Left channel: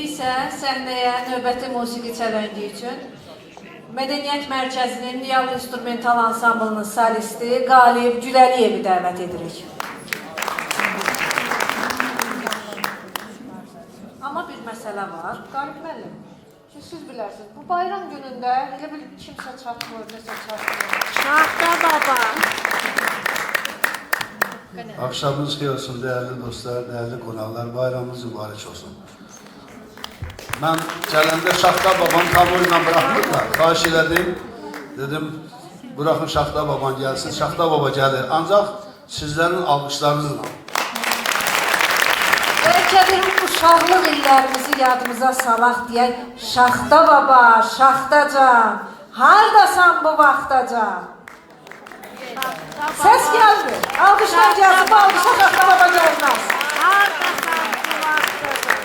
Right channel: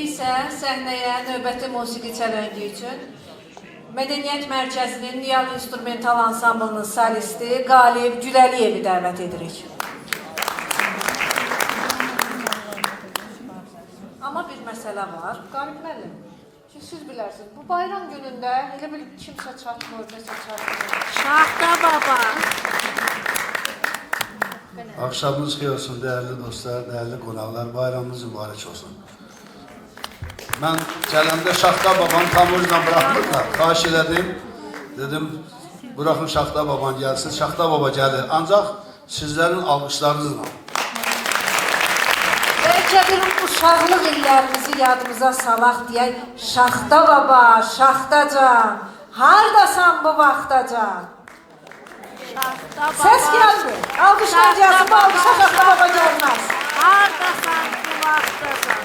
İndi isə səhnəyə növbəti musiqi çələngi üçün Mədəniyyət Mərkəzinin Niyal İnstrumental Ansamblının solisti Qalib Güləliyevi dəvət edirik. Amma bir məsələ var. Qalib müəllim, siz bilərsiniz, bu bayram günündə elə bir kimsə çatmır, nəsə çatmır. Şahda baba. Akşamınız xeyir olsun değerli dostlar, değerli qonaqlar, bayramınız mübarək olsun. Mən gələndə Şaxta babam tamurla bırakmırlar, xahiş elədim, dedim bırakın Şaxta baban gəlsin, Şaxta baba gəlir, ancaq sizlərin alqışlarınızla. Bəlkə bir uşaqlıq illərimizi yadımıza salaq deyək, Şaxta baba, Şaxtacan, hardasan bu vaxtacan? Ses geldi. Alkışlar gelsin. Bu alkışlar Şaxta baba gelmez. Hardasan bu vaxtacan?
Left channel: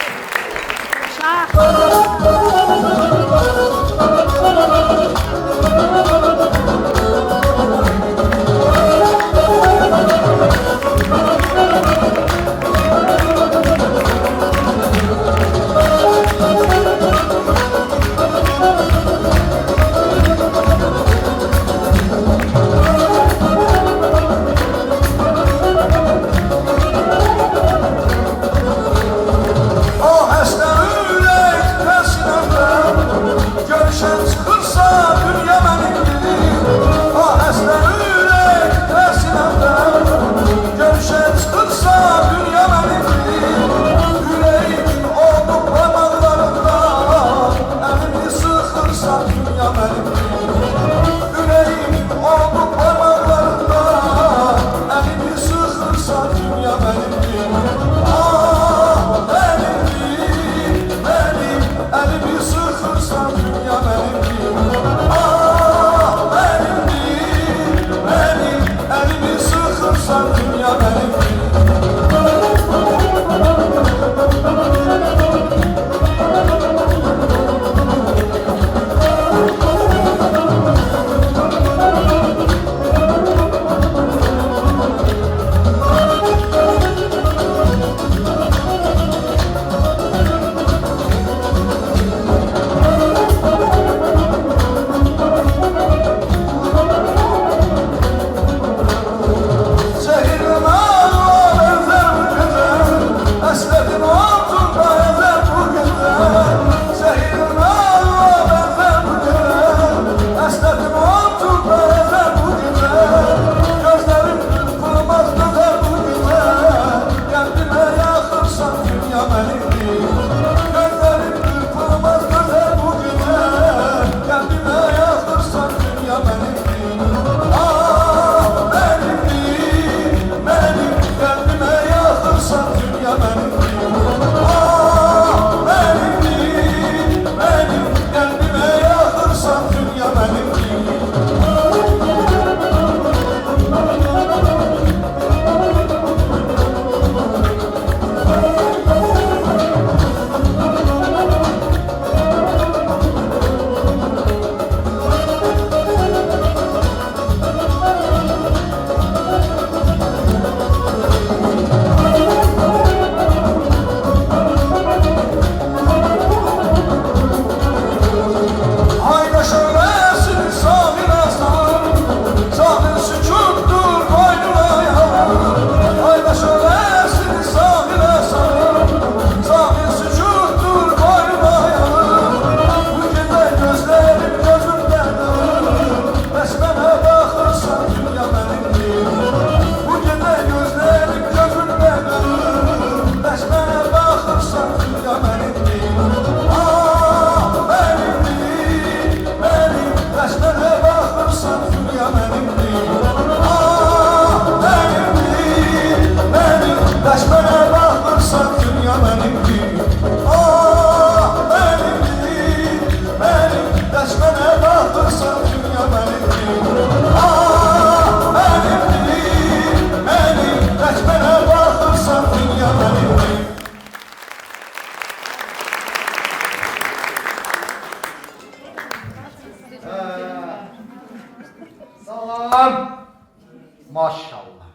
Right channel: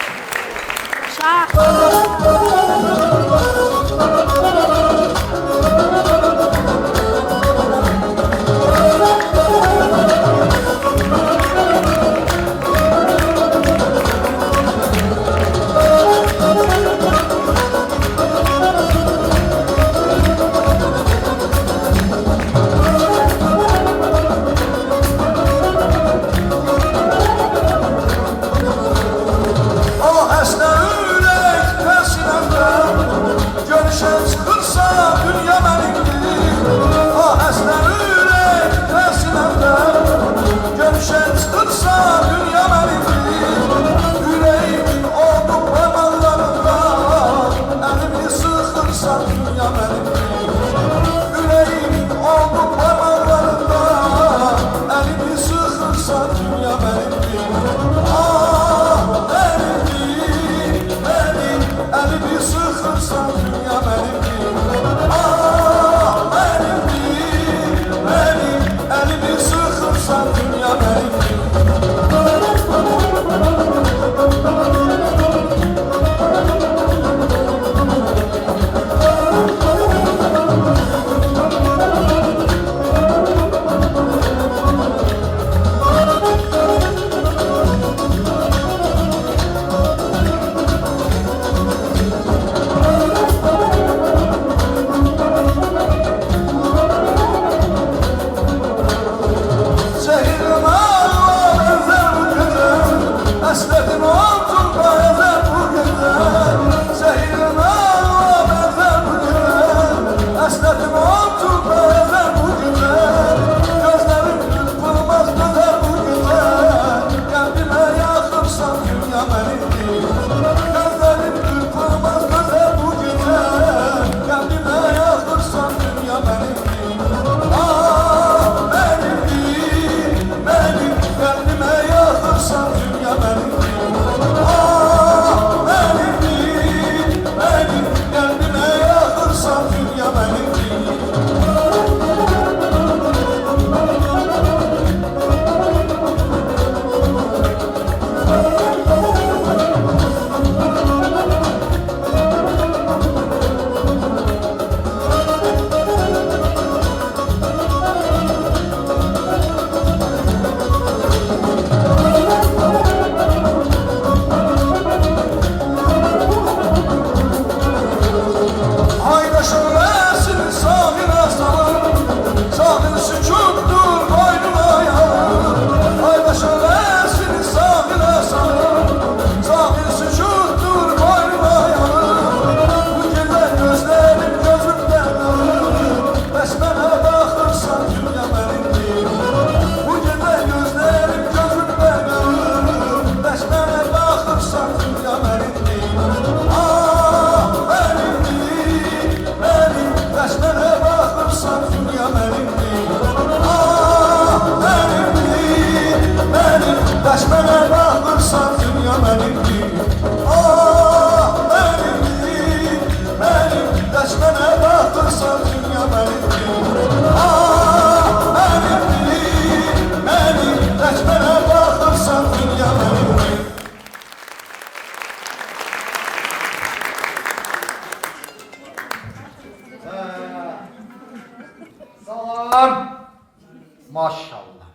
Maşallah.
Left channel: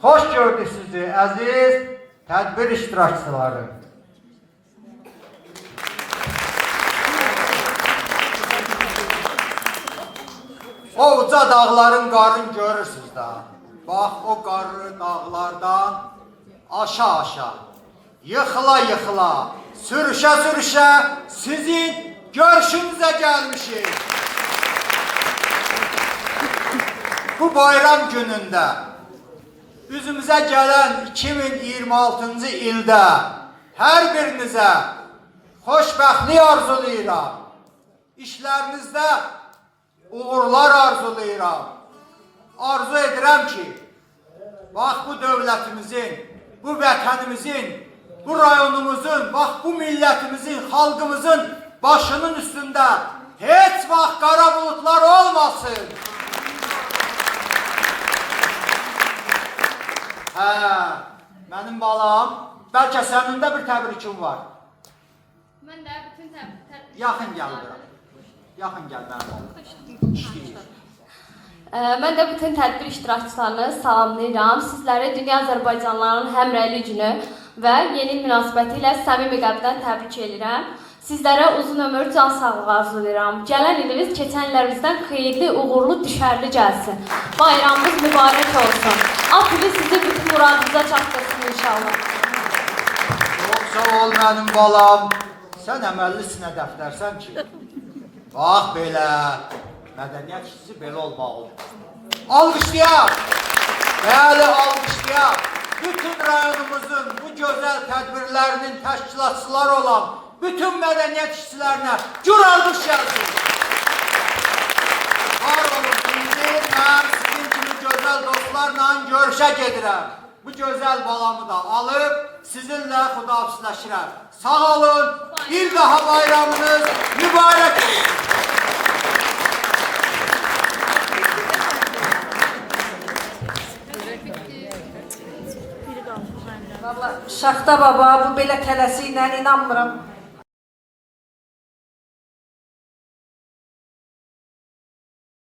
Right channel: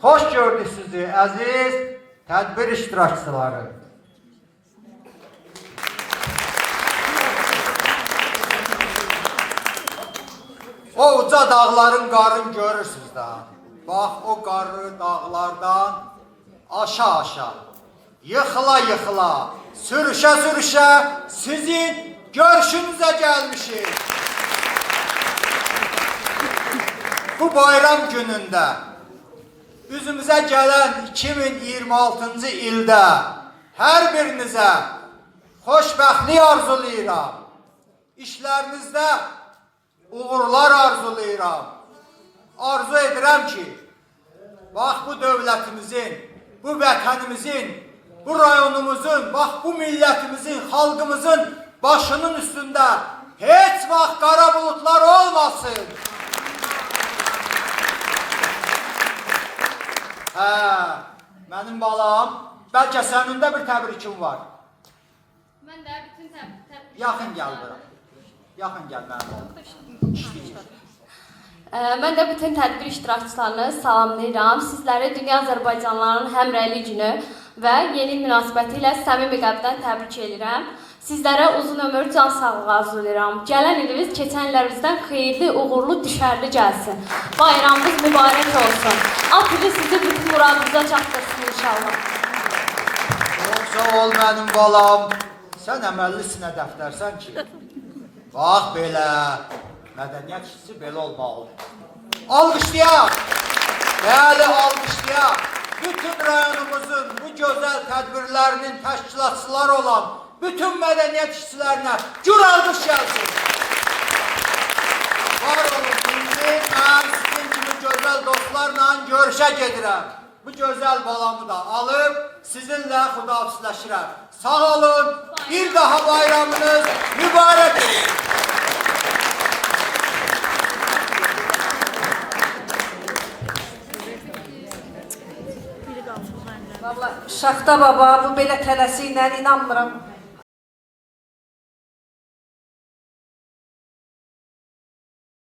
Hoş gördük sizi aziz tədbir iştirakçıları. O uca dağların qarını görürsünüz da. Bax o qarlı dağlardan aşağı yıxıla yıxıla, sürüşə sürüşə sizin görüşünüzə gəlmişik. Bu bayram günündə üzümüzə gələn 2026-cı ildə hər birinizə xoşbəxtlik arzulayıram. İşlərinizdə uğurlar arzulayıram. Arzu edirəm ki, bax bu dövlətimizin, bu vətənimizin, bu rayonumuzun, bax bu millətimizin, xalqımızın başının üstündə heç vaxt qara bulutlar olmasın. Mənim balam, bəlkə sənin də bir təbrikim var. Mən də bütün Yaxın gəl bura. Yaxın gəl mənim balam. İşləyir. Mən də bütün tədbir iştirakçılarını salamlayıram. Sizləri Dünya Azərbaycanlıların Həmrəylik günü və yeni münasibəti ilə səmimi qəlbdən təbrik edirəm. Sizlərə uzun ömür, can sağlığı arzulayıram. Gələn iliniz keçən illərimizdən xeyirli, uğurlu, düşərli gəlsin. Bayramınız mübarək olsun. Aprili sizi bütün muradınıza çatdırsın inşallah. Çox sağ ol mənim balam. Sən əməllisinə dəftərsən ki. Bax belə. Mədəniyyət işçisi belə olmalı. Alqışlayaq. Bəli, alqışlayaq. Bütün rayonumuzun bu gözəl tədbirlərinin təşkilatçıları olan bütün mədəniyyət işçilərinə gür alqış gəlsin. Var olun, indi mən sizin kimi gözəl dostlarla görüşə gedirəm. Bu gözəl balamı da alıb sizinlə xudahafizləşirəm. Sağ olun, bir daha bayramınız mübarək olsun. Vallahi Şaxta baba bu belə tələsi ilə inanmıram.